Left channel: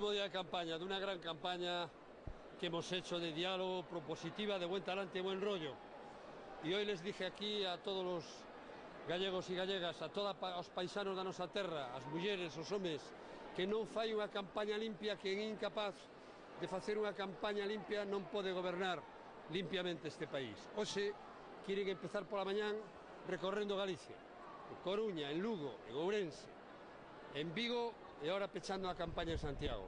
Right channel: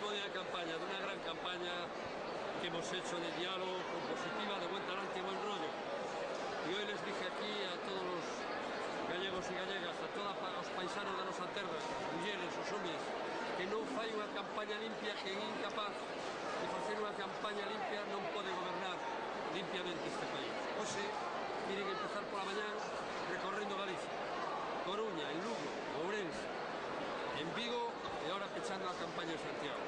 último día de campaña, de una gran campaña que hemos hecho de diálogo, propositiva, de buen talante y buen rollo. Y hoy les dije aquí a todos los gallegos e gallegas, a todos os paisanos da nosa terra, as mulleres, os homes, que non fai unha campaña limpia, que é incapaz de facer unha campaña limpia, non pode gobernar limpiamente este país. Hoxe queren empezar pola mañán recorrendo Galicia, Coruña, en Lugo, en Ourense, en Vigo e ahora pechando a campaña en Santiago.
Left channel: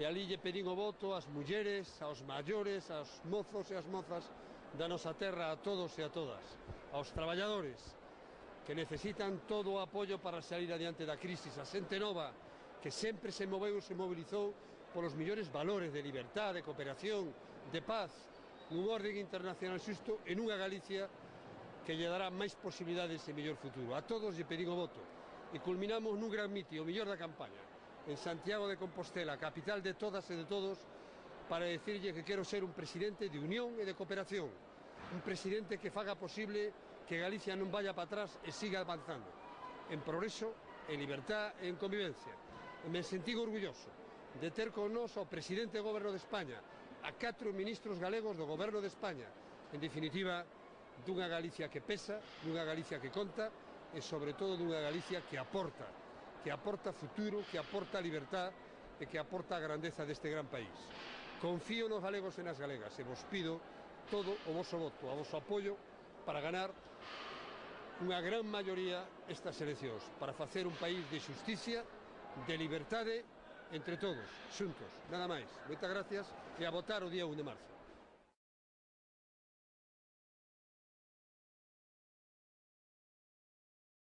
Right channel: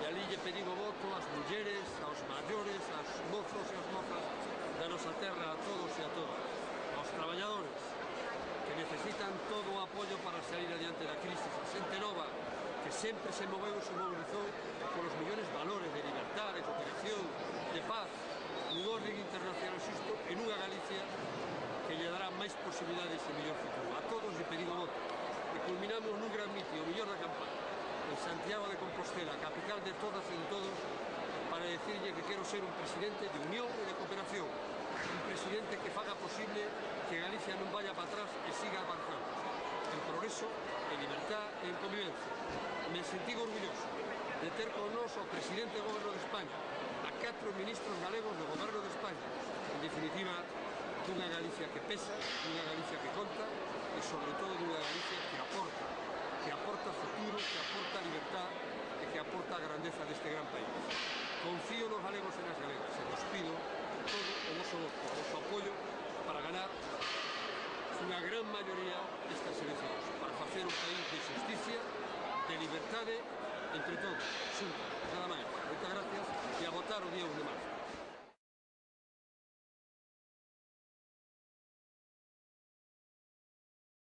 E ali lle pedín o voto ás mulleres, aos maiores, aos mozos e as mozas da nosa terra, a todos e a todas, aos traballadores que necesitan todo o apoio para sair adiante da crisis, a xente nova que sempre se moveu e se mobilizou polos millores valores de libertad, de cooperación, de paz, nun orden internacional xusto e nunha Galicia que lle dará máis posibilidades e mellor futuro. A todos lle pedín o voto e culminamos nun gran miti, o mellor da campaña, en Santiago de Compostela, capital de todas e de todos, para decirlle que quero ser un presidente de unión e de cooperación, un presidente que faga posible que Galicia non vaya para atrás e siga avanzando en progreso, en libertad e en convivencia. Me sentí orgulloso de ter con nós o presidente do Goberno de España, a 4 ministros galegos do Goberno de España, en definitiva, dunha Galicia que pesa, dunha Galicia que conta e, sobre todo, dunha Galicia que aporta futuro, que aporta libertad e que aporta a grandeza deste gran país. Confío nos galegos e nas galegas e vos pido todo o vosso voto, o voso apoio para ganar unha gran maioría estas eleccións, para facer un país de justicia, de liberdade, entre todos, xuntos, nada máis. Moitas gracias e a votar o día 1 de marzo.